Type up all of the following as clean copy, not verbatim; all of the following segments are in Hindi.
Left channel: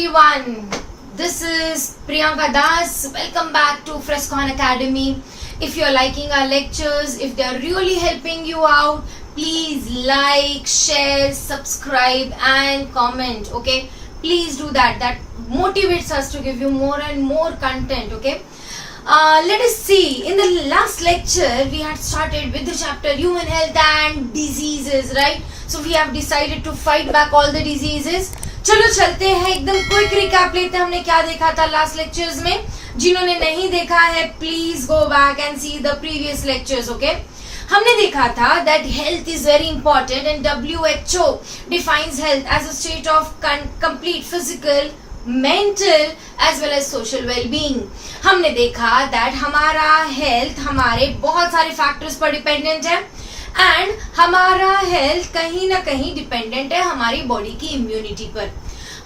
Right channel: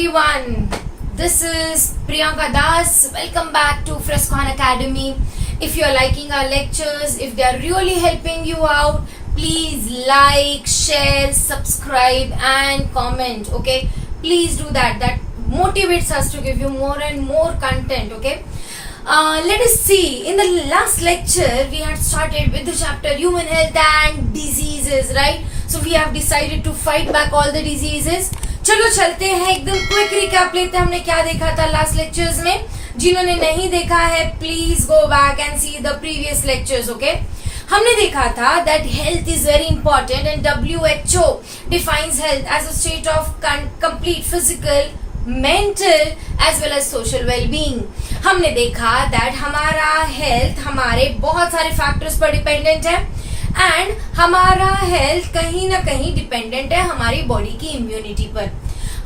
everyone. This is Priyanka Das. Welcome back to Frescon Academy. If you're liking our lectures, if they're really helping you out, please like, share, subscribe and comment. Okay, please do that. That motivates us to give you more and more content. Okay. Let us see. In the last lecture, we had started with the chapter Human Health and Diseases, right? So we have decided to fight back all the diseases. चलो चलते हैं, एकदम क्विक रिकैप लेते हैं हमने क्या देखा था लास्ट लेक्चर्स में. जिन्होंने नहीं देखा है please go back and see the previous lectures. Okay, हमने देखा था that health is very important and WHO defines health as a state of complete physical, mental as well as social wellbeing. हमने देखा दैट हमारा हेल्थ हमारे बहुत सारे फैक्टर्स पर डिपेंडेंट है एंड हमारा हेल्थ कहीं ना कहीं डिपेंडेंट है हमारी बॉडी की इम्यूनिटी पर.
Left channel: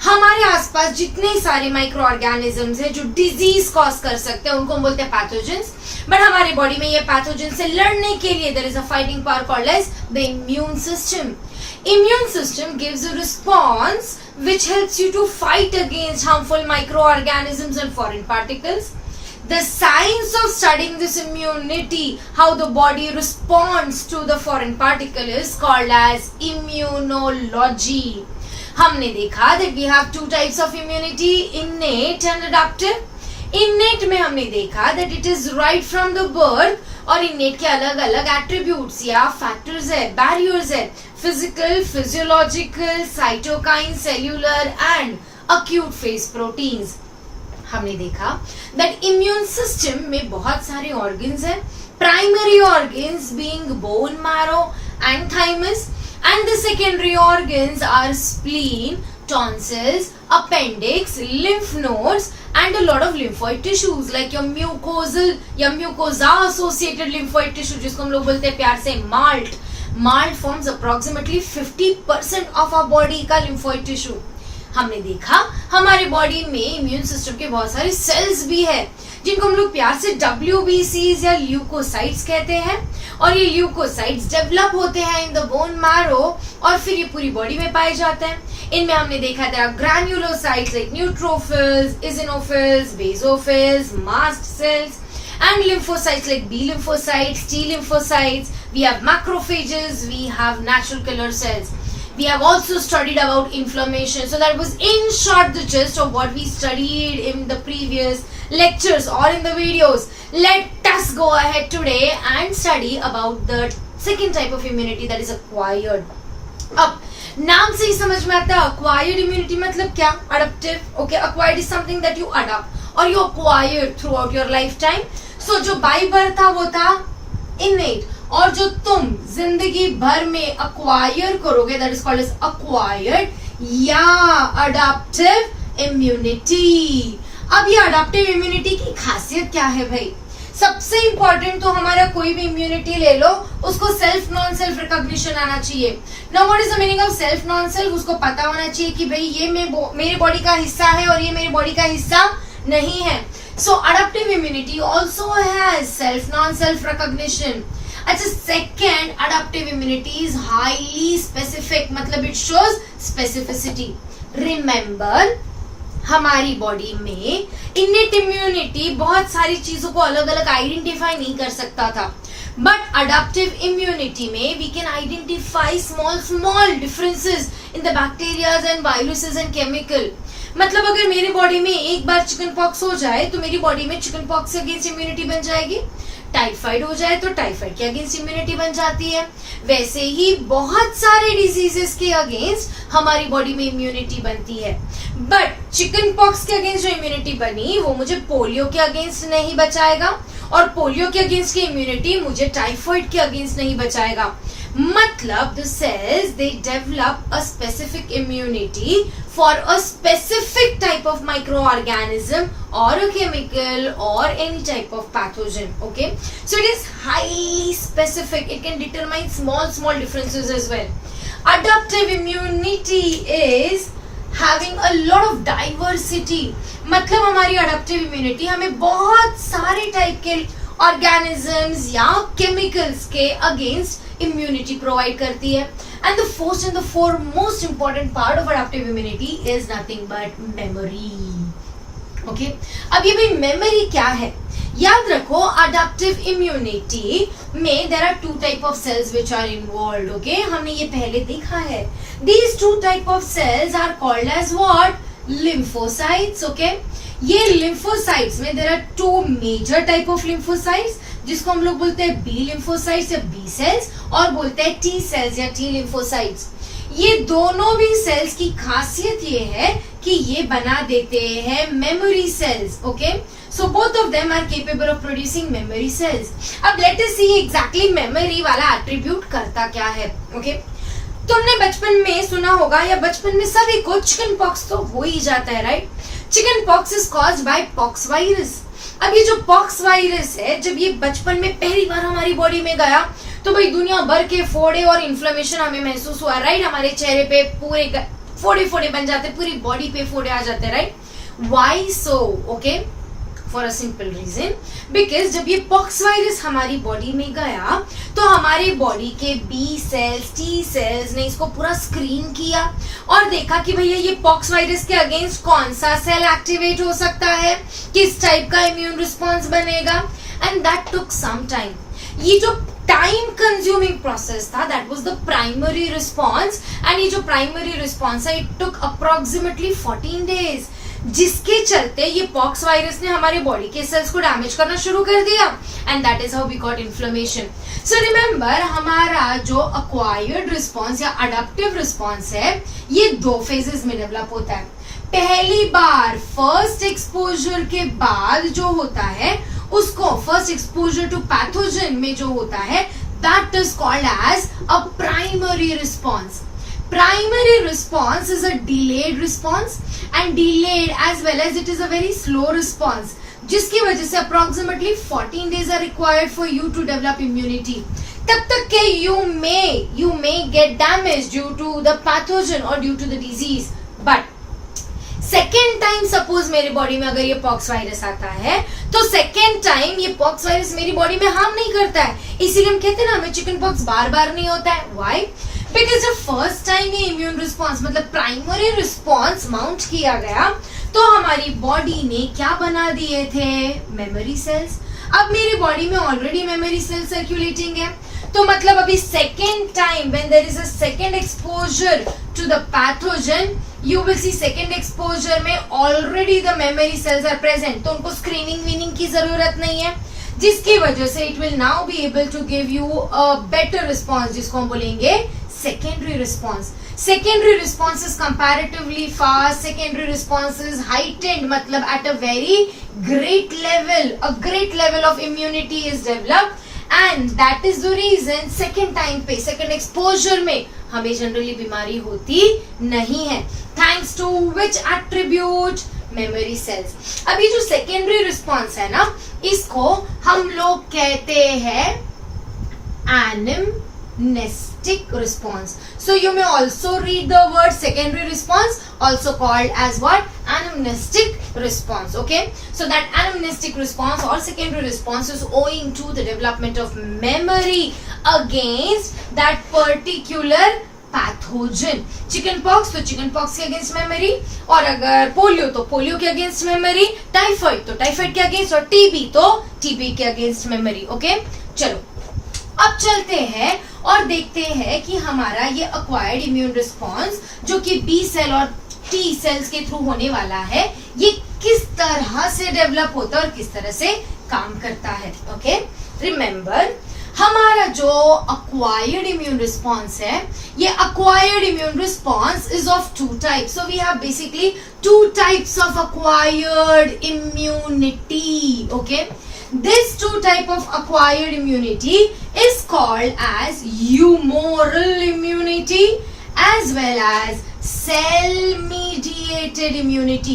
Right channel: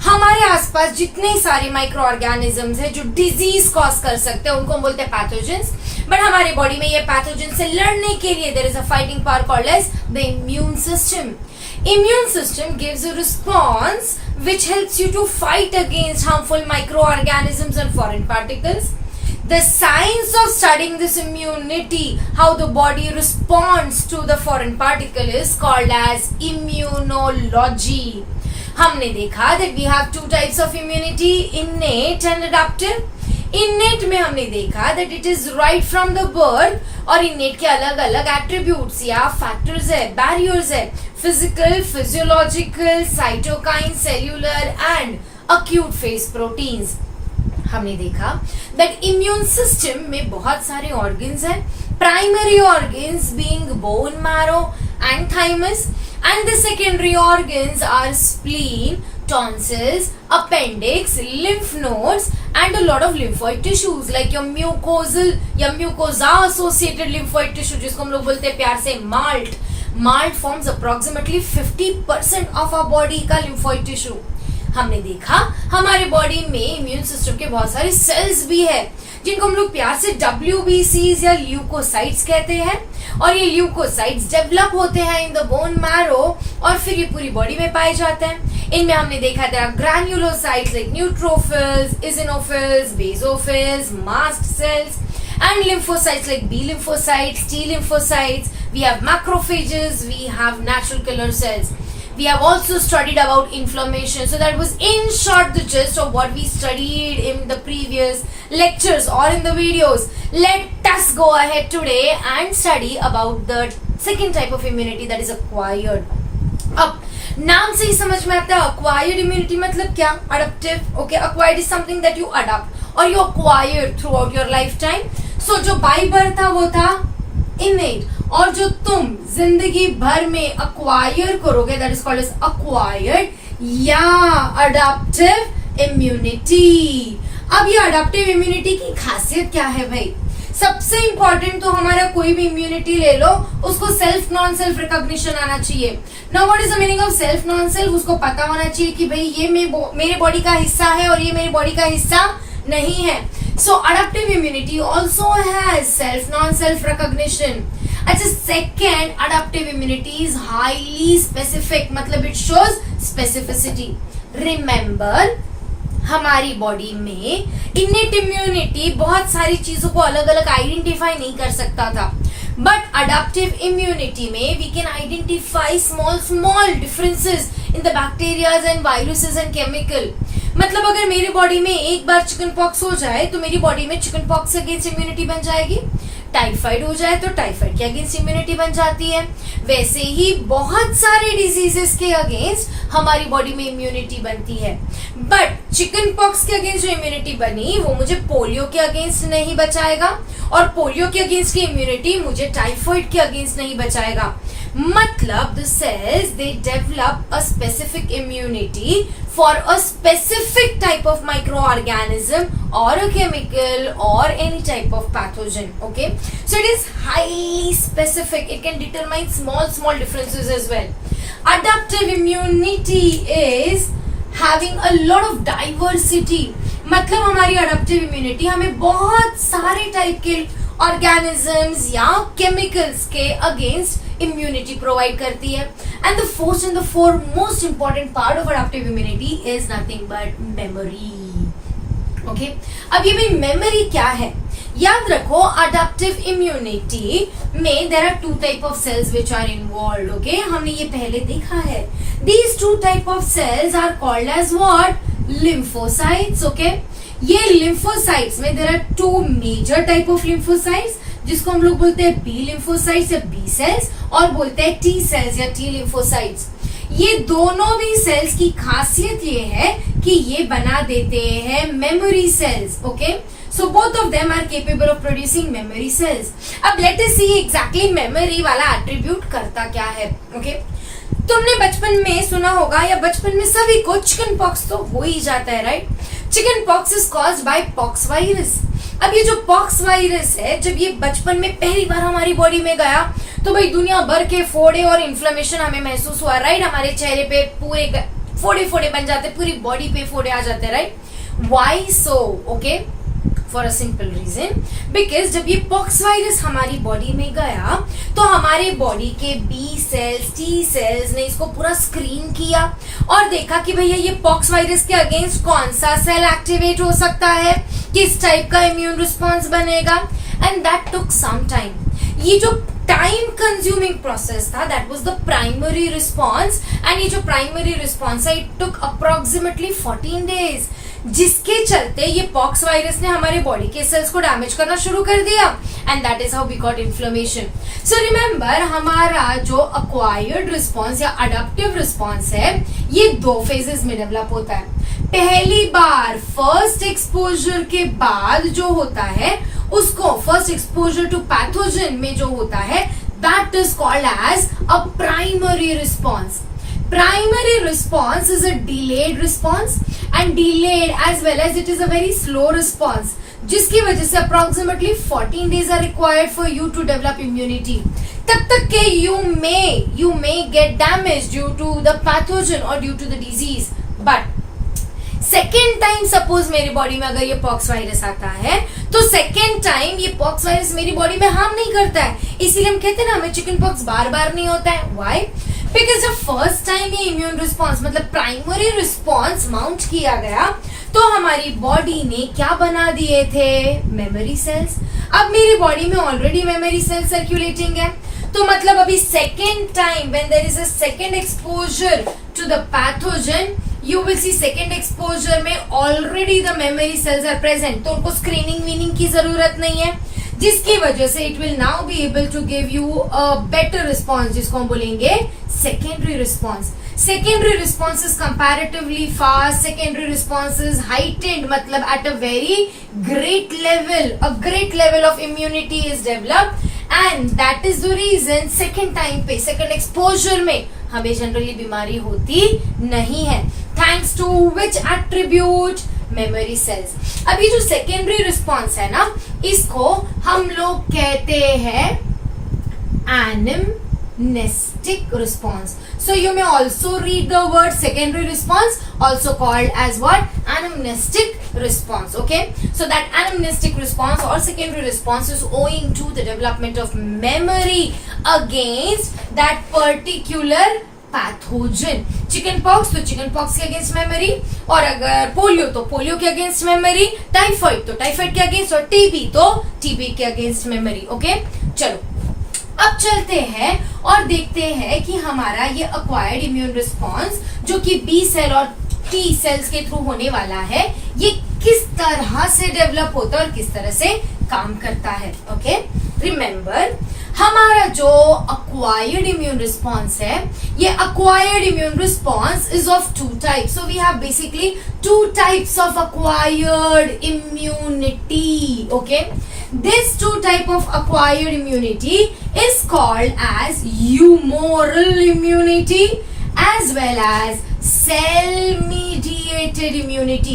हमारे आसपास जितने सारे माइक्रो ऑर्गेनिजम्स हैं जो डिजीज कॉज कर सकते हैं उनको हम बोलते हैं पैथोजेंस. बट हमारे बॉडी में ये पैथोजेंस से लड़ने के लिए there is a fighting power called as the immune system. Immune system gives a response which helps you to fight against harmful microorganisms and foreign particles. The science of studying this immunity, how the body responds to the foreign particle, is called as immunology. हमने देखा that we have two types of immunity, innate and adaptive. Innate में हमने देखा that it is right from the birth, और innate के अलग अलग attributes या factors है, barriers है, physical, physiological, cytokine, cellular and acute phase proteins. हमने देखा that immune system में बहुत सारे organs हैं, primary organs being bone marrow and thymus, and the secondary organs are spleen, tonsils, appendix, lymph nodes and a lot of lymphoid tissues like your mucosal या mucosa associated lymphoid tissue जिसको हम लोग बोलते हैं प्यार से malt. Malt forms approximately 50% of our body का lymphoid tissue. हमने देखा हमारे बॉडी में इम्यून सिस्टम के बहुत सारे सेल्स भी है जिनको हम लोग प्यार से WBCs या ल्यूकोसाइट्स कहते हैं, और ये ल्यूकोसाइट्स डेवलप होते हैं इन द बोन मैरो और फिर ये पूरी बॉडी में पाए जाते हैं. इनमें हमने देखा था granulocytes like neutrophils, eosinophils, basophils, mast cells and lymphocytes like B lymphocytes, T lymphocytes. We have macrophages, we have natural killer cells. We have also studied about inflammation. So that was in short the gist of what we studied in the previous lectures or in the videos. Let us go ahead today and study about the second type of immunity, that is acquired. अब नाम से ही समझ में आता है acquired immunity मतलब क्या? Adaptive. Okay, acquired is something that you adapt or you acquired throughout your lifetime. So जो by birth था वो था innate, और जो तुम जिंदगी भर में acquire करोगे that is called as acquired या adaptive immunity. अब ये adaptive immunity की खासियत क्या है भाई? सबसे इंपॉर्टेंट तो हमारा कोई भी इम्यूनिटी ले लो उसको सेल्फ नॉन सेल्फ रिकॉग्निशन आना चाहिए. Now what is the meaning of self non self? उसको पता होना चाहिए कि भाई ये मेरे बॉडी का हिस्सा है और ये मेरे बॉडी का हिस्सा नहीं है. So adaptive immunity also has self non self recognition. अच्छा, second adaptive immunity is highly specific, मतलब इट शोज स्पेसिफिसिटी. रिमेंबर हमारी बॉडी में इनेट इम्यूनिटी बहुत सारी चीजों को अलग अलग आइडेंटिफाई नहीं कर सकता था, बट अडैप्टिव इम्यूनिटी में we can identify small differences in the bacterias and viruses and chemical. मतलब अगर मेरी बॉडी में एक बार चिकन पॉक्स हो जाए तो मेरी बॉडी में चिकन पॉक्स के अगेंस्ट इम्यूनिटी बन जाएगी. टाइफाइड हो जाए तो टाइफाइड के अगेंस्ट इम्यूनिटी बन जाती है. वैसे ही बहुत सारे डिजीजेस के अगेंस्ट हमारी बॉडी में इम्यूनिटी बनती है. बट चिकन पॉक्स के अगेंस्ट जो इम्यूनिटी बनी वो मुझे पोलियो के अगेंस्ट नहीं बचाएगा, और पोलियो के अगेंस्ट की इम्यूनिटी मुझे टाइफाइड के अगेंस्ट नहीं बचाएगा. मतलब the cells they develop a specific immunity for a specific type of microorganism or a chemical or any type of pathogen. Okay, so it is highly specific. It can determine small differences as well. Adaptive immunity is having a lot of diversity. मतलब हमारी अडैप्टिव इम्यूनिटी हमें बहुत सारे टाइप के ऑर्गेनिजम्स या केमिकल्स के अगेंस्ट इम्यूनिटी प्रोवाइड करती है. And the first and the foremost important part of adaptive immunity is nothing but memory. Okay, अब ये भी मेमोरी क्या है? याद रखो, अडैप्टिव इम्यूनिटी में there are 2 type of cells which are involved. Okay, हमने ये पहले देखा है. These 2 type of cells are called as what? Lymphocytes. Okay, ये लिम्फोसाइट्स में there are 2 major type of lymphocytes, जिसको हम लोग बोलते हैं बी लिम्फोसाइट्स या बी सेल्स, और बोलते हैं टी सेल्स या टी लिम्फोसाइट्स. ये दोनों भी सेल्स की खासियत ये है कि ये बना देते हैं memory cells. Okay, so both of them are capable of producing memory cells. अब let us see exactly memory वाला attribute करता क्या है. okay? तुमने बचपन में सुना होगा या बचपन में सभी को चिकन पॉक्स तो हो ही जाता है, right? Chicken pox is caused by pox virus. अब ये जो पॉक्स वायरस है, जब ये बचपन में पहली बार हमारी बॉडी में गया तो भाई दुनिया भर के फोड़े और इन्फ्लेमेशन हमें महसूस हुआ, राइट? हमारे चेहरे पे पूरे फोड़े फोड़े बन जाते, पूरी बॉडी पे फोड़े आ जाते, right? Why so? Okay, for a simple reason, because जब ये पॉक्स वायरस हमारी बॉडी में गया तो हमारे बॉडी के बी सेल्स, टी सेल्स ने इसको पूरा स्क्रीन किया और देखा कि भैया ये पॉक्स वायरस के अगेंस्ट कौन सा सेल एक्टिवेट हो सकता है, किस टाइप का इम्यून रिस्पॉन्स बनेगा. And that took some time. ये जो टाइम कंज्यूमिंग प्रोसेस था, that was the primary response. And ये जो प्राइमरी रिस्पॉन्स है, इट टुक अप्रोक्सीमेटली 14 डेज, जिसके चलते ये पॉक्स वायरस ने हमारे बॉडी के सेल्स को डैमेज करना शुरू कर दिया. And that is how we got inflammation. So remember, हमारा जो अक्वायर्ड रिस्पॉन्स या अडैप्टिव रिस्पॉन्स है, ये 2 फेजेस में डेवलप होता है. पहली बार फर्स्ट एक्सपोजर के बाद जो होता है उसको, फर्स्ट एक्सपोजर टू पैथोजन में जो होता है, that is called as a primary response. Primary response is a delayed response, and delayed as well as it is a very slow response, जिसकी वजह से approximately 14 days are required for you to develop immunity. तब तक के you may get damaged due to the pathogen or due to the disease. But second time suppose मेरी बॉडी में अगर ये पॉक्स वायरस आता है तो सेकेंड टाइम ये पॉक्स वायरस मेरी बॉडी में हार्म नहीं करता है. इसीलिए हम कहते हैं ना, हमें चिकन पॉक्स बार बार नहीं होता है. व्हाई? बिकॉज जब फर्स्ट टाइम ये इम्यून रिस्पॉन्स मतलब प्राइमरी रिस्पॉन्स माउंट किया गया तो हमारी बॉडी ने क्या बना दिए थे? Memory cells. अब मेरी बॉडी में ऑलरेडी मेमोरी सेल्स सर्क्यूलेटिंग है, तो मतलब अभी second time when there is a second exposure to the pathogen, you will see second exposure में already the memory cells are present, तो उनको स्क्रीनिंग वीनिंग की जरूरत नहीं है, जिसकी वजह से it will now be able to give you a better response, जिसको हम बोलेंगे secondary response. Secondary response is comparatively fast. Secondary response is heightened, मतलब at a very great level, a great level of immunity is developed, and that is the reason second time पे, second exposure में हमें generally बीमारी होती नहीं है. Thanks to which attribute? Memory cells. अब ये जो secondary response है ना, इसको हम लोग कहते हैं anamnestic response. So you may also read the word secondary response, also called as what? Anamnestic response. Okay, so that anamnestic response or secondary response is owing to the development of memory against that particular pathogen. Chicken pox तो चिकन पॉक्स के अगेंस्ट मेमोरी, और अगर पोलियो तो पोलियो के अगेंस्ट मेमोरी, टाइफाइड तो टाइफाइड के अगेंस्ट, और टीबी तो टीबी के अगेंस्ट मेमोरी. ओके, चलो अब चलते हैं और देखते हैं कि हमारा ये अक्वायर्ड इम्यून रिस्पॉन्स जो कि बी सेल और टी सेल्स के थ्रू होने वाला है, ये किस तरह से डेवलप होता है और किस तरह से काम करता है. ओके, रिमेंबर, हमारा जो अक्वायर्ड इम्यून रिस्पॉन्स है, ये acquired immune response is of 2 types. So we have basically 2 types of acquired immunity. Okay, this 2 type of acquired immunity is called as humoral immunity as well as cell mediated immunity.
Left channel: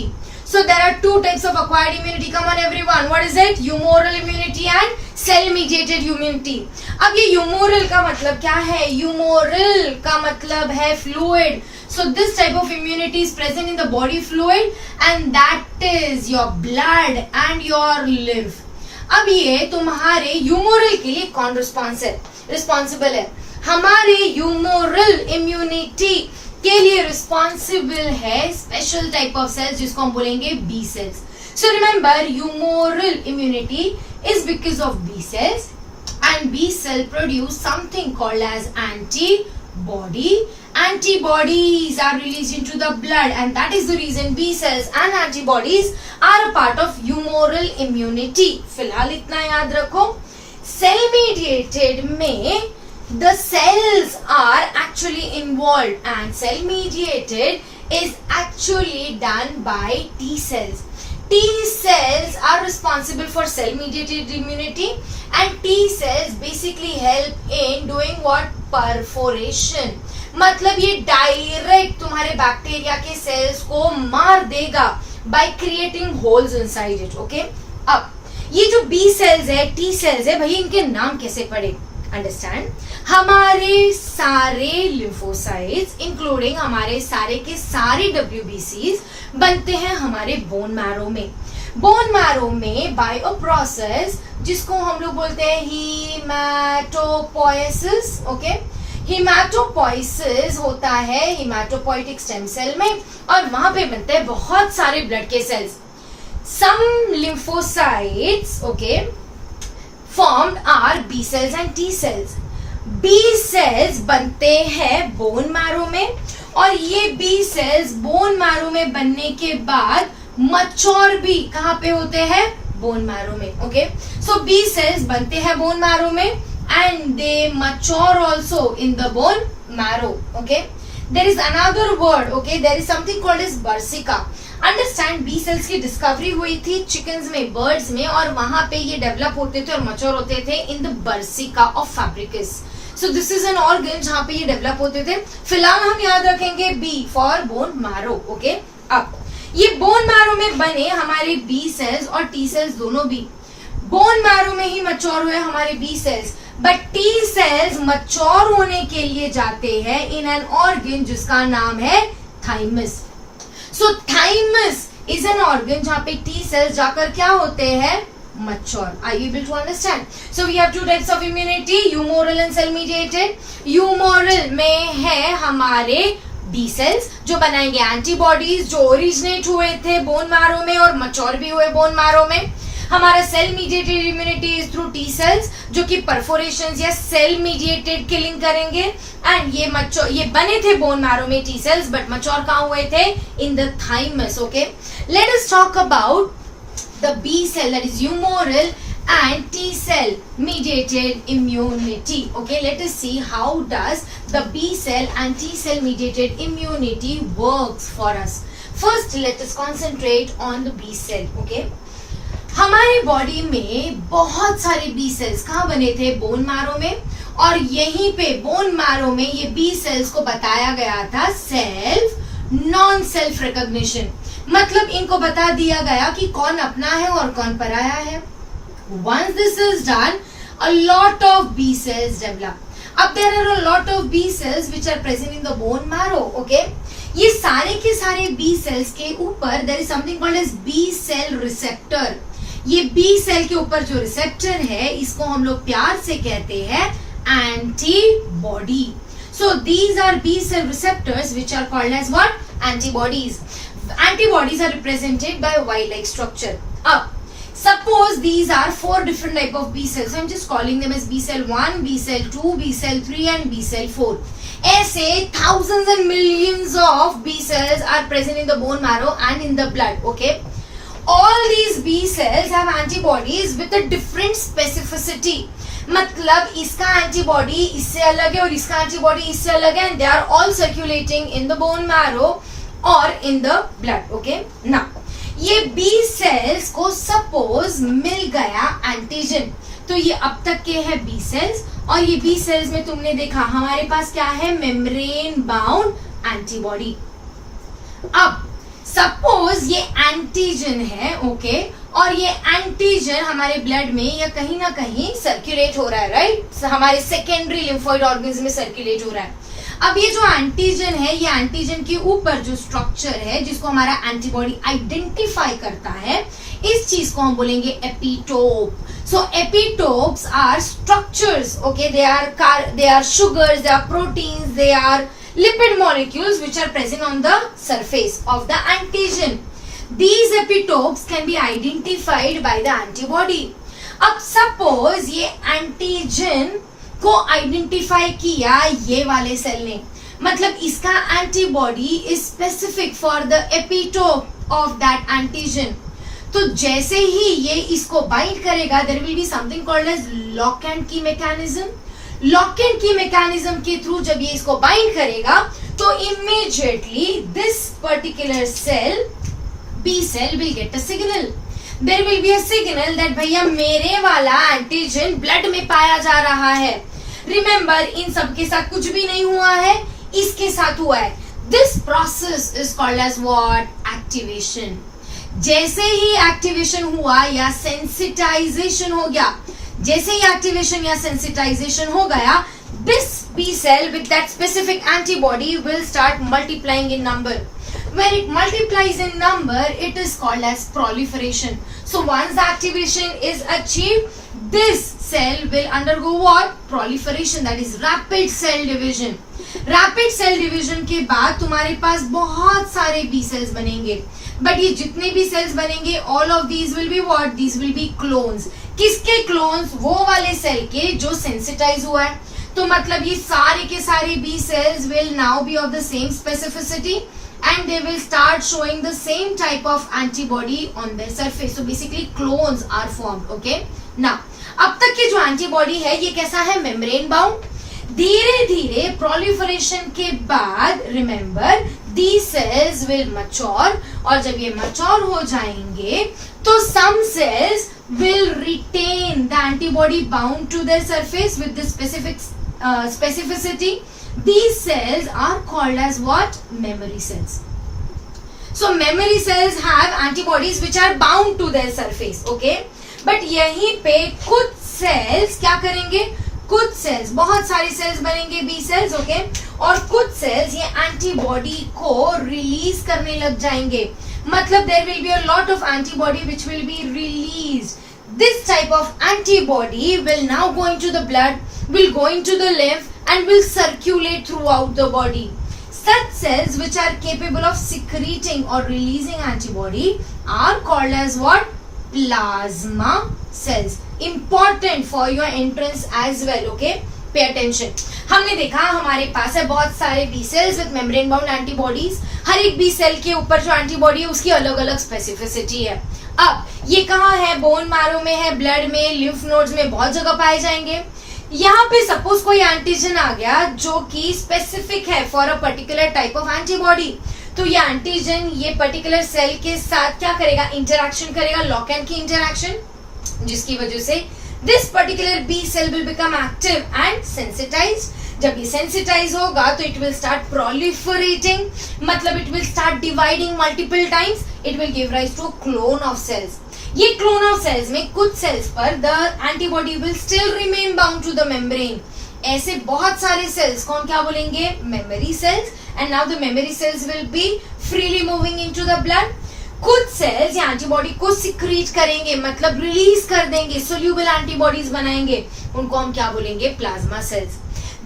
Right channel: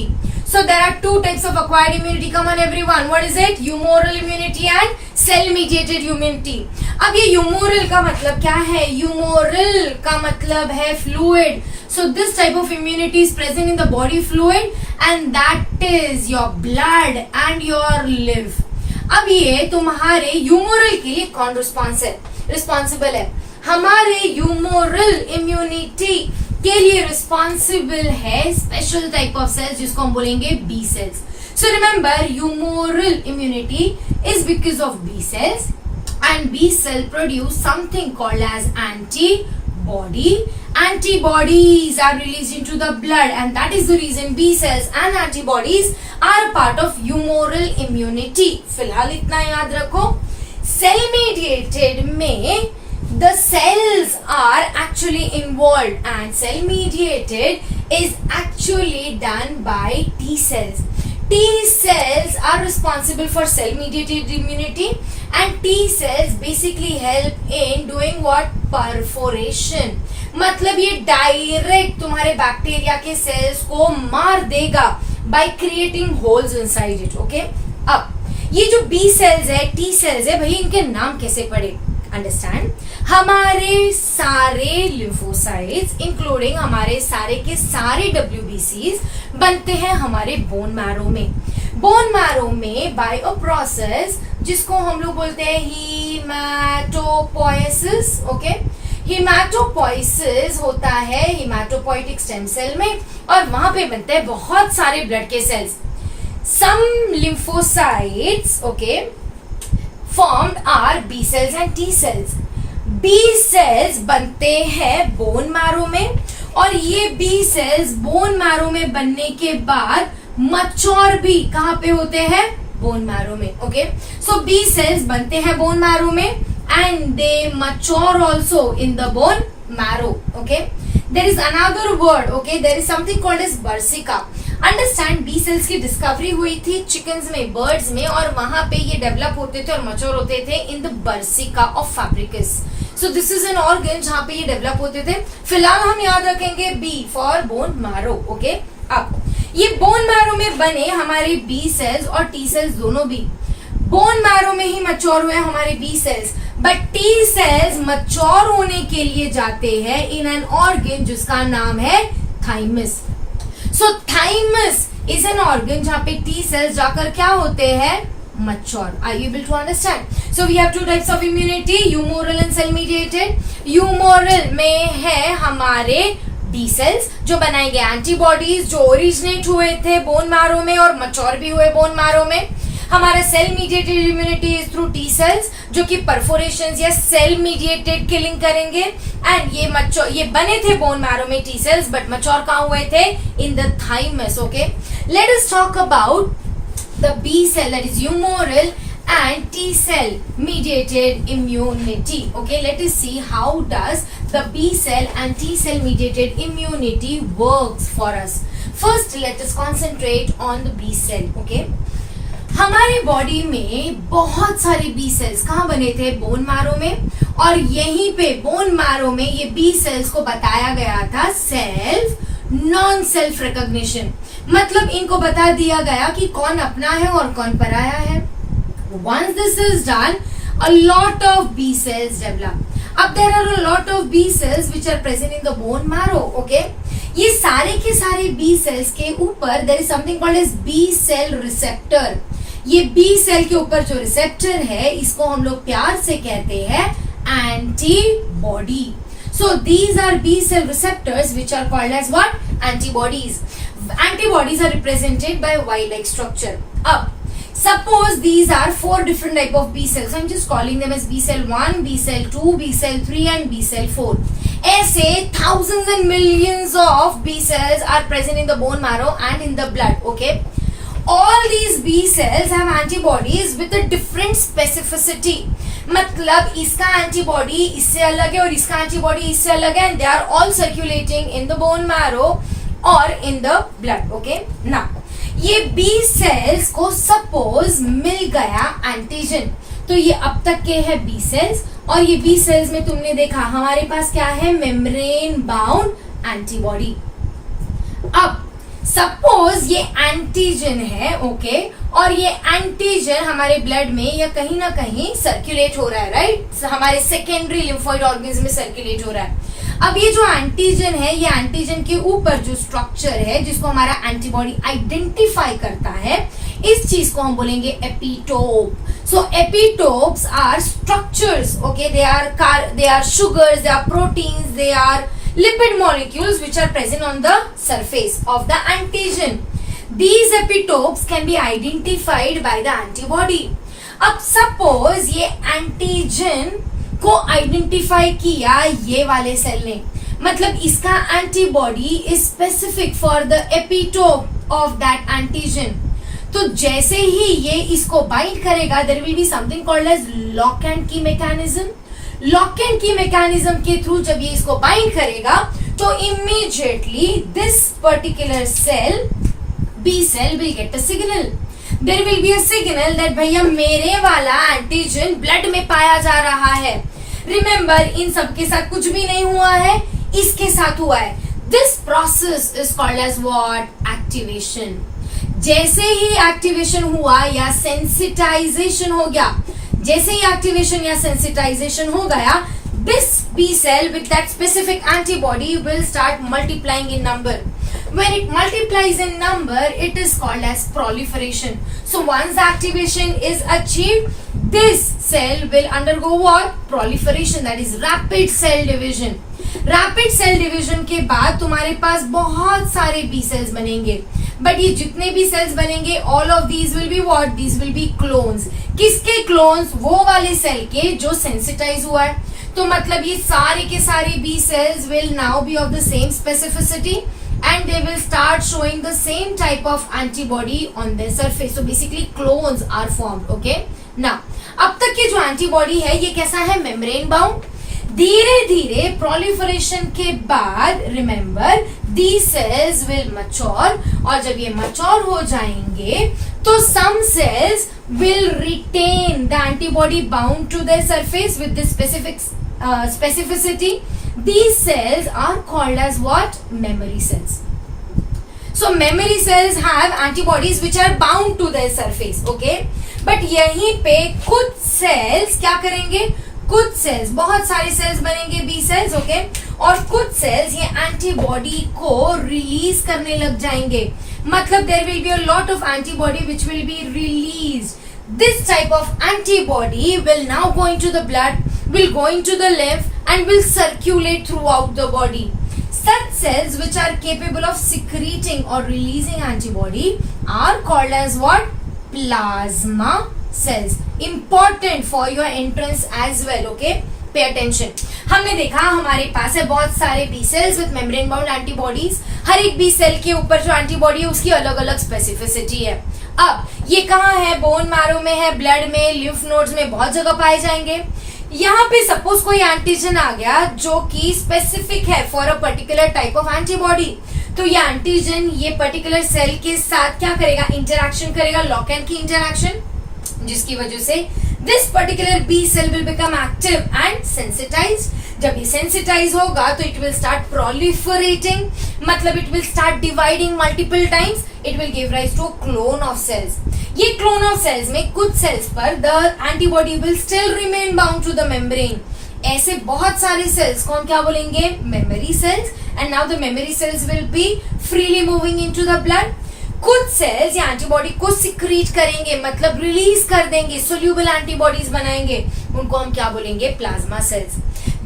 So there are 2 types of acquired immunity. Come on everyone, what is it? Humoral immunity and cell mediated immunity. अब ये humoral का मतलब क्या है? Humoral का मतलब है fluid. So this type of immunity is present in the body fluid, and that is your blood and your lymph. अब ये तुम्हारे ह्यूमोरल के लिए कौन रिस्पॉन्सिबल है? हमारे ह्यूमोरल इम्यूनिटी के लिए रिस्पॉन्सिबल है स्पेशल टाइप ऑफ सेल्स जिसको हम बोलेंगे B cells. So remember, humoral immunity is because of B cells and B cell produce something called as antibody. Antibodies are released into the blood and that is the reason B cells and antibodies are a part of humoral immunity. फिलहाल इतना याद रखो. Cell mediated में the cells are actually involved and cell mediated is actually done by T cells. T cells are responsible for cell mediated immunity and T cells basically help in doing what? Perforation. मतलब ये डायरेक्ट तुम्हारे बैक्टीरिया के सेल्स को मार देगा by creating holes inside it. Okay? अब ये जो B cells है, T cells है, भाई इनके नाम कैसे पड़े? अंडरस्टैंड, हमारे सारे लिम्फोसाइट्स इंक्लूडिंग हमारे सारे के सारे WBCs बनते हैं हमारे बोन मैरो में. बोन मैरो में बाय अ प्रोसेस जिसको हम लोग बोलते हैं हीमाटोपोइसिस. ओके, हीमाटोपोइसिस होता है हीमाटोपोइटिक स्टेम सेल में और वहां पे बनते हैं बहुत सारे ब्लड के cells. Some lymphocytes okay formed are B cells and T cells. B cells बनते हैं बोन मैरो में और ये B cells बोन मैरो में बनने के बाद मच्योर भी कहाँ पे होते हैं? बोन मैरो में. ओके, सो B cells बनते हैं बोन मैरो में and they mature also in the bone marrow. Okay, there is another word. Okay, there is something called as Bursica. Understand, B cells की डिस्कवरी हुई थी चिकन्स में, बर्ड्स में, और वहां पे ये डेवलप होते थे और मच्योर होते थे in the bursa of Fabricius. So this is an organ जहां पे ये डेवलप होते थे. फिलहाल हम याद रखेंगे B for bone marrow. Okay, अब ये बोन मैरो में बने हमारे बी सेल्स और टी सेल्स दोनों भी बोन मैरो में ही मच्योर हुए हमारे B cells, but T cells mature होने के लिए जाते हैं इन एन ऑर्गन जिसका नाम है thymus. So thymus is an organ जहाँ पे T cells जाकर क्या होते हैं? Mature. Are you able to understand? So we have two types of immunity, humoral and cell mediated. Humoral में है हमारे B cells जो बनाएंगे एंटीबॉडीज जो ओरिजिनेट हुए थे बोन मैरो में और मच्योर भी हुए बोन मैरो में. हमारा cell mediated immunity is through T cells जो कि परफोरेशंस या सेल मीडिएटेड किलिंग करेंगे एंड ये बने थे बोन मैरो में टी सेल्स बट मच्योर कहाँ हुए थे? In the thymus. Okay, let us talk about the B cell that is humoral and T cell mediated immunity. Okay, let us see how does the B cell and T cell mediated immunity works for us. First, let us concentrate on the B cell. Okay, हमारे बॉडी में बहुत सारे बी सेल्स कहाँ बने थे? बोन मैरो में, और यहीं पे बोन मैरो में ये बी सेल्स को बताया गया था सेल्फ नॉन सेल्फ रिकॉग्निशन. मतलब इनको बता दिया गया कि कौन अपना है और कौन पराया है. Once this is done, a lot of B cells develop. अब there are a lot of B cells which are present in the bone marrow. Okay, ये सारे के सारे B cells के ऊपर there is something called as B cell receptor. ये B cell के ऊपर जो रिसेप्टर है इसको हम लोग प्यार से कहते हैं antibody. So these are B cell receptors which are called as what? Antibodies. Antibodies are represented by Y-like structure. अब suppose these are 4 different type of B cells. I'm just calling them as B cell 1, B cell 2, B cell 3 and B cell 4. ऐसे thousands and millions of B cells are present in the bone marrow and in the blood. Okay, all these B cells have antibodies with a different specificity. मतलब इसका एंटीबॉडी इससे अलग है और इसका एंटीबॉडी इससे अलग है, and they are all circulating in the bone marrow or in the blood. Okay, now ये B सेल्स को सपोज मिल गया एंटीजन, तो ये अब तक के है B सेल्स, और ये B सेल्स में तुमने देखा हमारे पास क्या है? Membrane bound antibody. अब सपोज ये एंटीजन है. ओके, और ये एंटीजन हमारे ब्लड में या कहीं ना कहीं सर्कुलेट हो रहा है, राइट? हमारे सेकेंडरी लिम्फोइड ऑर्गन्स में सर्कुलेट हो रहा है. अब ये जो एंटीजन है, ये एंटीजन के ऊपर जो स्ट्रक्चर है जिसको हमारा एंटीबॉडी आइडेंटिफाई करता है, इस चीज को हम बोलेंगे epitope. So epitopes are structures, okay, they are sugars, they are proteins, they are lipid molecules which are present on the surface of the antigen. These epitopes can be identified by the antibody. अब सपोज ये एंटीजन को आइडेंटिफाई किया ये वाले सेल ने, मतलब इसका antibody is specific for the epitope of that antigen. तो जैसे ही ये इसको बाइंड करेगा, there will be something called as lock and key mechanism. Lock and key mechanism के थ्रू जब ये इसको बाइंड करेगा तो immediately this particular cell, B cell, will get a signal. There will be a signal that भैया मेरे वाला एंटीजन ब्लड में पाया जा रहा है. रिमेंबर, इन सब के साथ कुछ भी नहीं हुआ है, इसके साथ हुआ है. This process is called as what? Activation. जैसे ही एक्टिवेशन हुआ या सेंसिटाइजेशन हो गया, जैसे ही एक्टिवेशन या सेंसिटाइजेशन हो गया, this B cell with that specific antibody will start multiplying in number. When it multiplies in number, it is called as proliferation. So once the activation is achieved, this cell will undergo what? Proliferation, that is rapid cell division. Rapid cell division के बाद तुम्हारे पास बहुत सारे B cells बनेंगे, बट ये जितने भी सेल्स बनेंगे, all of these will be what? These will be clones. किसके clones? वो वाले सेल के जो sensitize हुआ है. तो मतलब ये सारे के सारे B cells will now be of the same specificity and they will start showing the same type of antibody on their surface. So basically clones are formed. Okay? Now, अब तक के जो antibody है ये कैसा है? Membrane bound. धीरे धीरे proliferation के बाद remember these cells will mature, और जब ये mature हो जाएंगे तो some cells will retain the antibody bound to their surface with this specificity. These cells are called as what? Memory cells. So memory cells have antibodies which are bound to their surface, okay? But यहीं पे कुछ cells क्या करेंगे? कुछ सेल्स, बहुत सारे सेल्स बनेंगे बी सेल्स, ओके, और कुछ सेल्स ये एंटीबॉडी को रिलीज करने लग जाएंगे. मतलब there will be a lot of antibody which will be released. This type of antibody will now go into the blood, will go into the lymph and will circulate throughout the body. Such cells which are capable of secreting or releasing antibody are called as what? Plasma cells. Important for your entrance as well, okay? Pay attention. हमने देखा हमारे पास है बहुत सारे B cells with membrane bound antibodies. हर एक B cell के ऊपर जो एंटीबॉडी है उसकी अलग अलग स्पेसिफिसिटी है. अब ये कहाँ है? बोन मैरो में है, ब्लड में, लिम्फ नोड्स में, बहुत जगह पाए जाएंगे. यहाँ पे सपोज कोई एंटीजन आ गया जो कि स्पेसिफिक है for a particular type of antibody, तो ये एंटीजन ये पर्टिकुलर सेल के साथ क्या करेगा? इंटरैक्शन करेगा, लॉक एंड की इंटरैक्शन, जिसकी वजह से this particular B cell will become active and sensitized. जब ये सेंसिटाइज होगा तो इट विल स्टार्ट प्रोलिफरेटिंग, मतलब it will start dividing multiple times. It will give rise to clone of cells. ये क्लोन ऑफ सेल्स में कुछ सेल्स पर the antibody will still remain bound to the membrane. ऐसे बहुत सारे सेल्स को हम क्या बोलेंगे? Memory cells. And now the memory cells will be freely moving into the blood. कुछ सेल्स या एंटीबॉडी को सिक्रीट करेंगे, मतलब रिलीज कर देंगे, सोल्यूबल एंटीबॉडीज बनाएंगे, उनको हम क्या बोलेंगे? Plasma cells.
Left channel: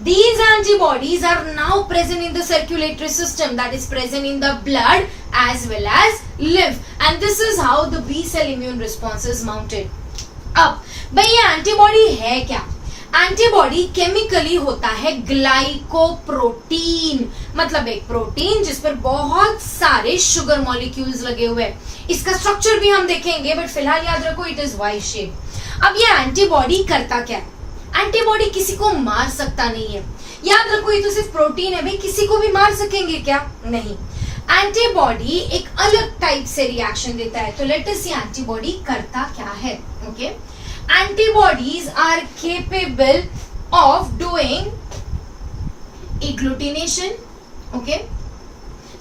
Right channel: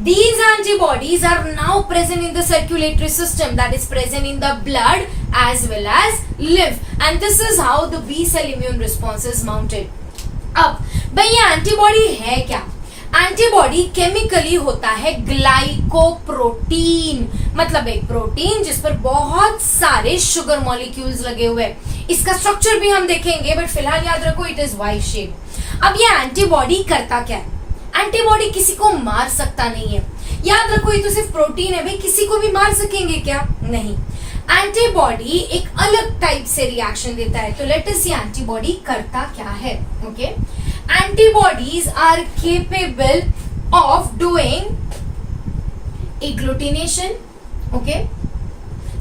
These antibodies are now present in the circulatory system, that is present in the blood as well as lymph, and this is how the B cell immune response is mounted. अब भाई ये एंटीबॉडी है क्या? एंटीबॉडी केमिकली होता है ग्लाइकोप्रोटीन, मतलब एक प्रोटीन जिस पर बहुत सारे शुगर मॉलिक्यूल्स लगे हुए हैं. इसका स्ट्रक्चर भी हम देखेंगे, बट फिलहाल याद रखो इट इज वाई शेप. अब ये एंटीबॉडी करता क्या है? एंटीबॉडी किसी को मार सकता नहीं है. याद रखो ये तो सिर्फ प्रोटीन है, भाई किसी को भी मार सकेंगे क्या? नहीं. एंटीबॉडी एक अलग टाइप से रिएक्शन देता है. तो लेट अस सी एंटीबॉडी करता क्या है. Okay, antibodies are capable of doing agglutination. Okay,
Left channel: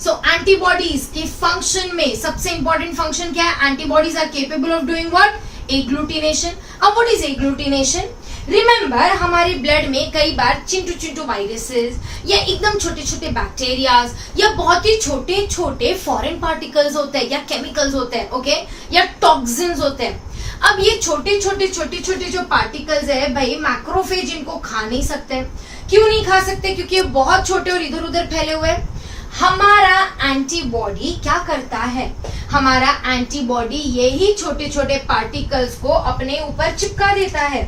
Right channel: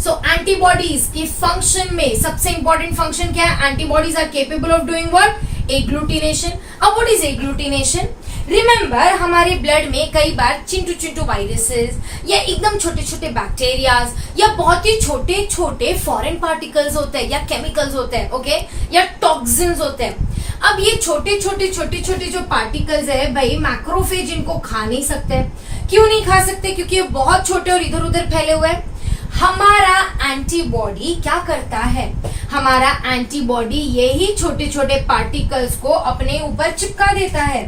so antibodies के फंक्शन में सबसे इंपॉर्टेंट फंक्शन क्या है? Antibodies are capable of doing what? Agglutination. अब व्हाट इज एग्लूटिनेशन? रिमेंबर हमारे ब्लड में कई बार चिंटू चिंटू वायरसेस या एकदम छोटे छोटे बैक्टीरियाज या बहुत ही छोटे छोटे फॉरेन पार्टिकल्स होते हैं या केमिकल्स होते हैं, ओके, या टॉक्सिन्स होते हैं। अब ये छोटे छोटे जो पार्टिकल्स है भाई, मैक्रोफेज इनको खा नहीं सकते। क्यों नहीं खा सकते? क्योंकि ये बहुत छोटे और इधर उधर फैले हुए हैं। हमारा एंटीबॉडी क्या करता है? हमारा एंटीबॉडी यही छोटे छोटे पार्टिकल्स को अपने ऊपर चिपका देता है।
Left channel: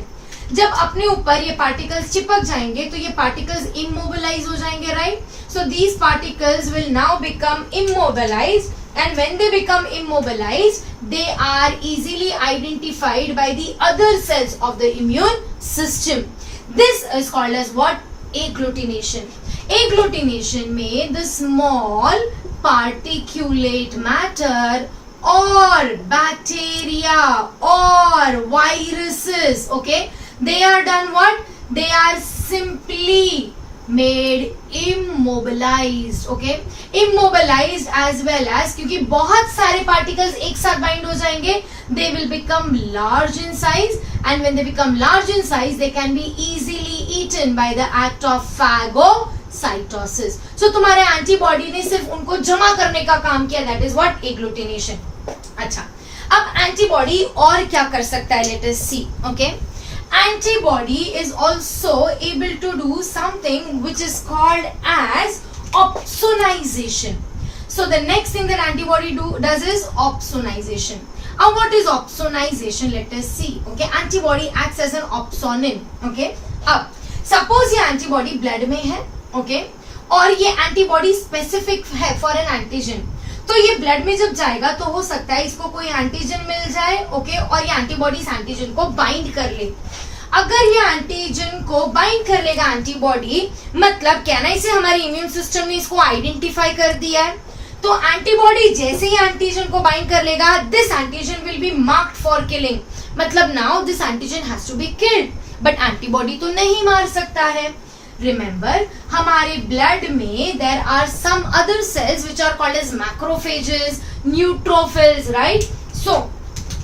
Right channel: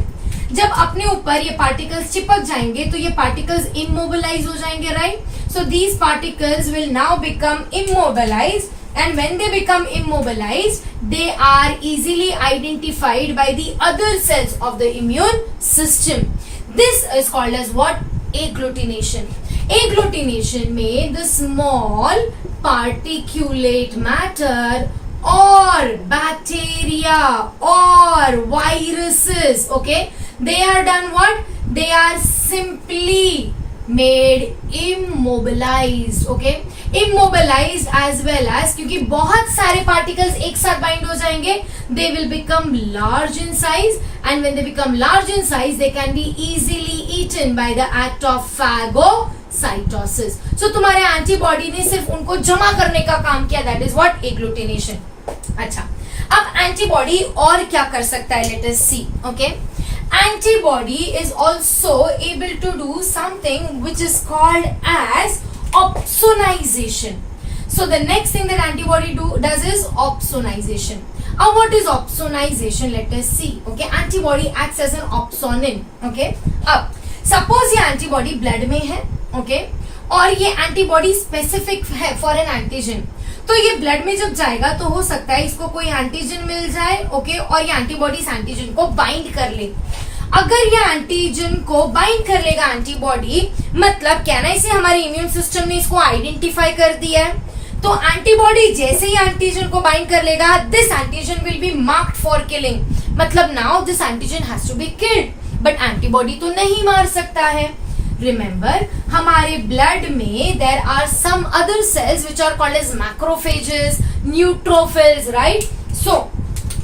जब अपने ऊपर ये पार्टिकल्स चिपक जाएंगे तो ये पार्टिकल्स इमोबिलाइज हो जाएंगे, right? So these particles will now become immobilized, and when they become immobilized they are easily identified by the other cells of the immune system. This is called as what? Agglutination. Agglutination में the small particulate matter or bacteria or viruses, okay, they are done what? They are simply made immobilized, okay, immobilized as well as, क्योंकि बहुत सारे particles एक साथ bind हो जाएंगे, they will become large in size, and when they become large in size they can be easily eaten by the act of phagocytosis. So तुम्हारे antibody ने सिर्फ उनको जमा करने का काम किया, that is what? Agglutination. अच्छा, अब antibody और क्या कर सकता है? Let us see, okay. Antibody is also able to do something which is called as opsonization. So the next thing that antibody does is opsonization. Now what is opsonization? Let us see. Okay, antibody acts as an opsonin. Okay, अब suppose ये antibody blood में है, okay, और ये antibody specific है for an antigen. तो ये ब्लड में जब जाएगा तो हो सकता है इसको कोई एंटीजन मिल जाए, ओके, और ये एंटीबॉडी इस एंटीजन को बाइंड कर ले। अगर ये एंटीजन को बाइंड कर लेगा एंटीबॉडी, मतलब कहना इसे हमारे इम्यून सिस्टम ने इसको आइडेंटिफाई कर दिया है, तो एंटीबॉडी जैसे ही एंटीजन को बाइंड कर लेगा, this antigen will be marked for killing, मतलब now this antigen has to be killed, but antibody तो नहीं मार सकता है। Remember, हमारे ब्लड में there are some other cells which are called as macrophages, neutrophils, right? So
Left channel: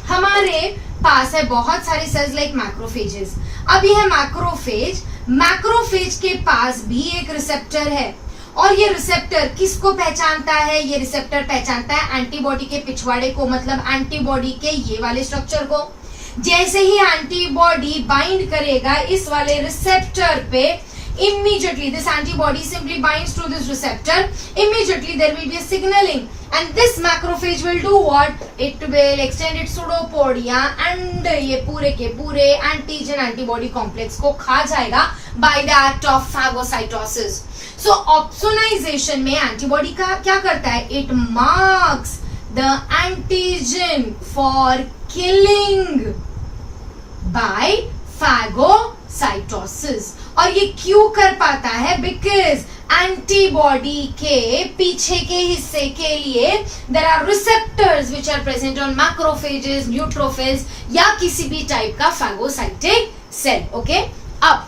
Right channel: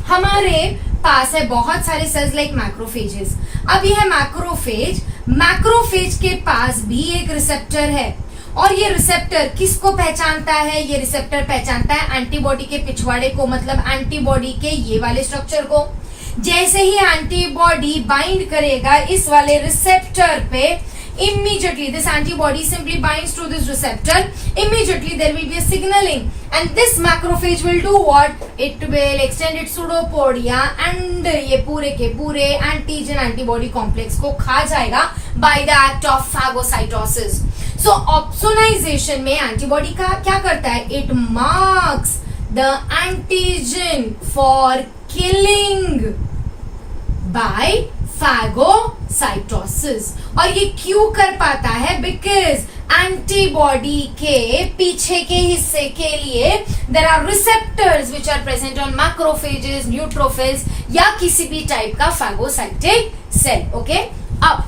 हमारे पास है बहुत सारे cells like macrophages. अब ये मैक्रोफेज, मैक्रोफेज के पास भी एक रिसेप्टर है, और ये रिसेप्टर किसको पहचानता है? ये रिसेप्टर पहचानता है एंटीबॉडी के पिछवाड़े को, मतलब एंटीबॉडी के ये वाले स्ट्रक्चर को। जैसे ही एंटीबॉडी बाइंड करेगा इस वाले रिसेप्टर पे, immediately this antibody simply binds to this receptor, immediately there will be a signaling, and this macrophage will do what? It will extend its pseudopodia and ये पूरे के पूरे antigen antibody complex को खा जाएगा by the act of phagocytosis. So opsonization में antibody का क्या करता है? It marks the antigen for killing by phagocytosis. और ये क्यों कर पाता है? बिकॉज एंटीबॉडी के पीछे के हिस्से के लिए there are receptors which are present on macrophages, neutrophils या किसी भी टाइप का फैगोसाइटिक सेल, ओके। अब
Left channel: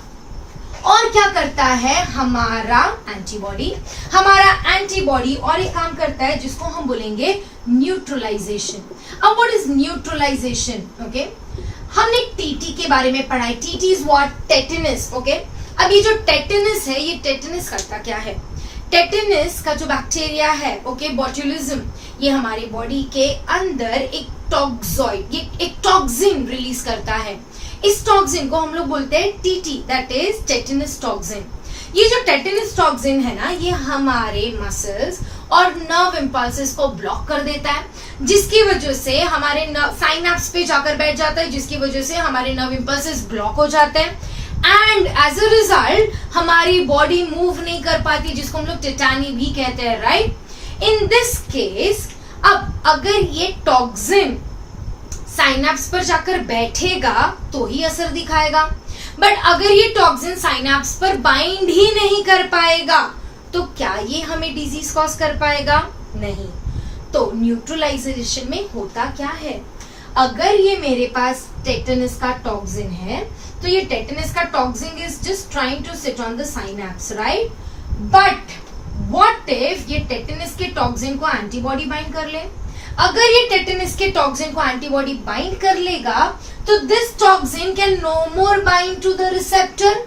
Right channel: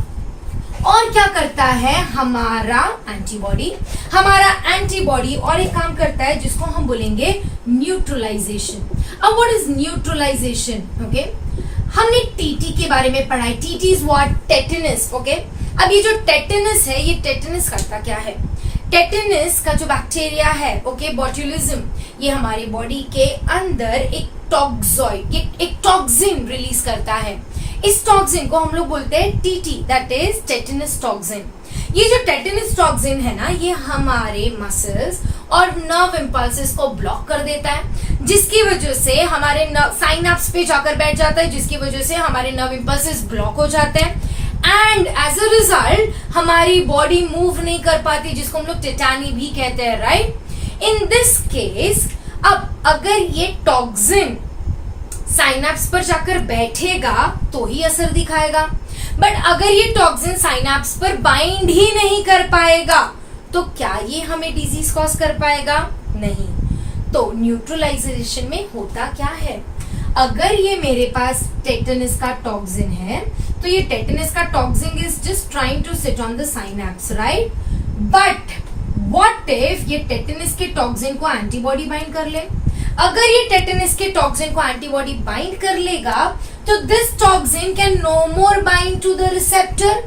और क्या करता है हमारा एंटीबॉडी? हमारा एंटीबॉडी और एक काम करता है जिसको हम बोलेंगे न्यूट्रलाइजेशन। अब व्हाट इज न्यूट्रलाइजेशन? ओके, हमने टीटी के बारे में पढ़ा है। TT is what? Tetanus, okay. अब ये जो टेटनस है, ये टेटनस करता क्या है? टेटनस का जो बैक्टीरिया है, ओके, बोट्युलिज्म, ये हमारे बॉडी के अंदर एक टॉक्सॉइड, एक टॉक्सिन रिलीज करता है। इस टॉक्सिन को हम लोग बोलते हैं TT, that is tetanus toxin. ये जो टेटनस टॉक्सिन है ना, ये हमारे मसल्स और नर्व इम्पल्सेस को ब्लॉक कर देता है, जिसकी वजह से हमारे साइनैप्स पे जाकर बैठ जाता है, जिसकी वजह से हमारे नर्व इम्पल्सेस ब्लॉक हो जाते हैं, एंड एज अ रिजल्ट हमारी बॉडी मूव नहीं कर पाती, जिसको हम लोग टेटानी भी कहते हैं, राइट। इन दिस केस, अब अगर ये टॉक्सिन साइनैप्स पर जाकर बैठेगा तो ही असर दिखाएगा, बट अगर ये टॉक्सिन साइनैप्स पर बाइंड ही नहीं कर पाएगा तो क्या ये हमें डिजीज कॉज कर पाएगा? नहीं। तो न्यूट्रलाइजेशन में होता क्या है? अगर ये मेरे पास टेटनस का टॉक्सिन है तो ये टेटनस का toxin is just trying to sit on the synapse, right, but what if ये टेटनस के टॉक्सिन को एंटीबॉडी बाइंड कर ले? अगर ये टेटनस के टॉक्सिन को एंटीबॉडी बाइंड कर लेगा तो this toxin can no more bind to the receptor,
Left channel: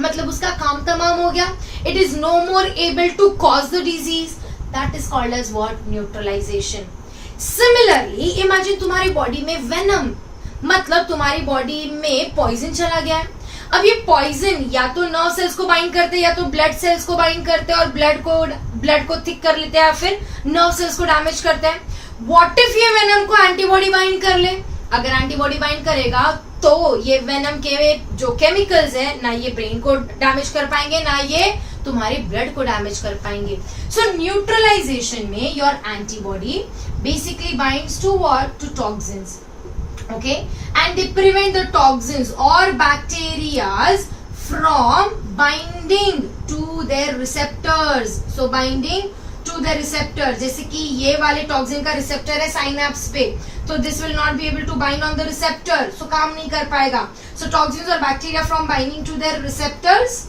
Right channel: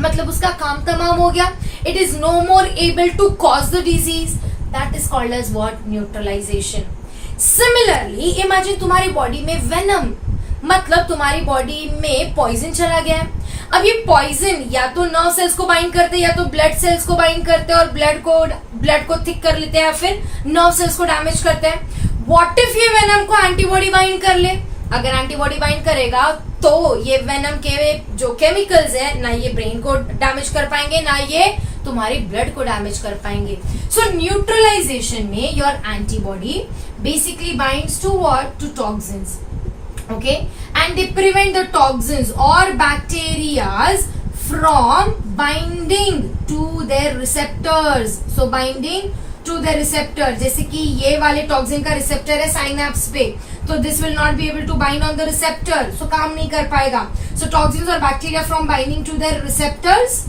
मतलब उसका काम तमाम हो गया. It is no more able to cause the disease. That is called as what? Neutralization. Similarly imagine तुम्हारी बॉडी में वेनम, मतलब तुम्हारी बॉडी में पॉइजन चला गया है. अब ये पॉइजन या तो नर्व सेल्स को बाइंड करते हैं या तो ब्लड सेल्स को बाइंड करते हैं और ब्लड को थिक कर लेते हैं या फिर नर्व सेल्स को डैमेज करते हैं. व्हाट इफ ये वेनम को एंटीबॉडी बाइंड कर ले? अगर एंटीबॉडी बाइंड करेगा तो ये वेनम के जो केमिकल्स है ना ये ब्रेन को डैमेज कर पाएंगे ना ये तुम्हारी ब्लड को डैमेज कर पाएंगे. सो न्यूट्रलाइजेशन में your antibody basically binds to what? To toxins. Okay, and they prevent the toxins or bacterias from binding to their receptors. So binding to the receptor, जैसे कि ये वाले टॉक्सिन का रिसेप्टर है साइनैप्स पे, तो this will not be able to bind on the receptor, so काम नहीं कर पाएगा. सो टॉक्सिन्स और bacteria from binding to their receptors,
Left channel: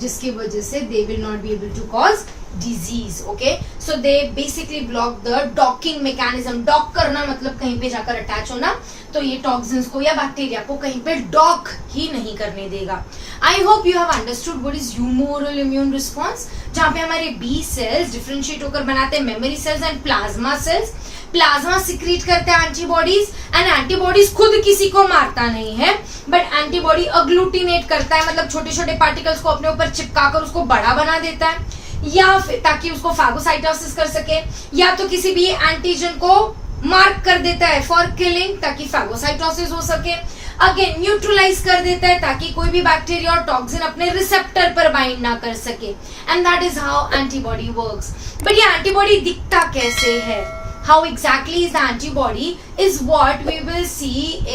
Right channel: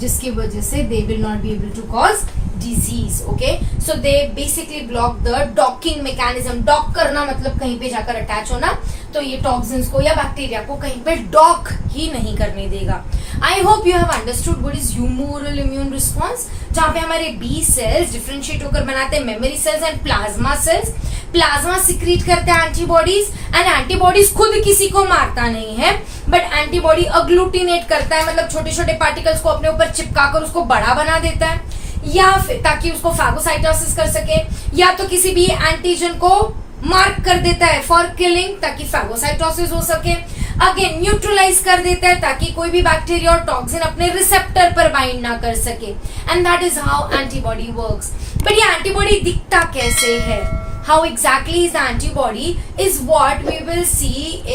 जिसकी वजह से they will not be able to cause disease. Okay, so they basically block the docking mechanism. Dock करना मतलब कहीं पे जाकर अटैच होना, तो ये टॉक्सिन्स को या बैक्टीरिया को कहीं पे डॉक ही नहीं करने देगा. I hope you have understood what is humoral immune response, जहाँ पे हमारे बी सेल्स डिफरेंशिएट होकर बनाते हैं memory cells and plasma cells. Plasma secrete करते हैं एंटीबॉडीज, एंड एंटीबॉडीज खुद किसी को मारता नहीं है, बट एंटीबॉडी अग्लूटिनेट करता है, मतलब छोटे छोटे पार्टिकल्स को अपने ऊपर चिपकाकर उसको बड़ा बना देता है, या फिर ताकि उसको फैगोसाइटोसिस कर सके, या तो किसी भी एंटीजन को मार्क कर देता है फॉर किलिंग ताकि फैगोसाइटोसिस हो सके. अगेन न्यूट्रलाइज कर देता है ताकि कोई भी बैक्टीरिया और टॉक्सिन अपने रिसेप्टर पर बाइंड ना कर सके. And that is how antibody works. But ये एंटीबॉडी दिखता कैसे है? How exactly is the antibody is what we will see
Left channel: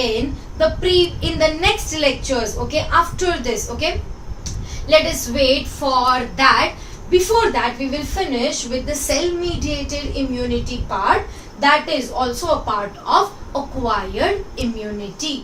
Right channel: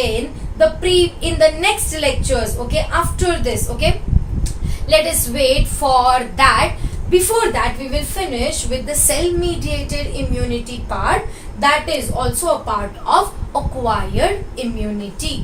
in the next lectures. Okay, after this. Okay, let us wait for that. Before that, we will finish with the cell-mediated immunity part, that is also a part of acquired immunity.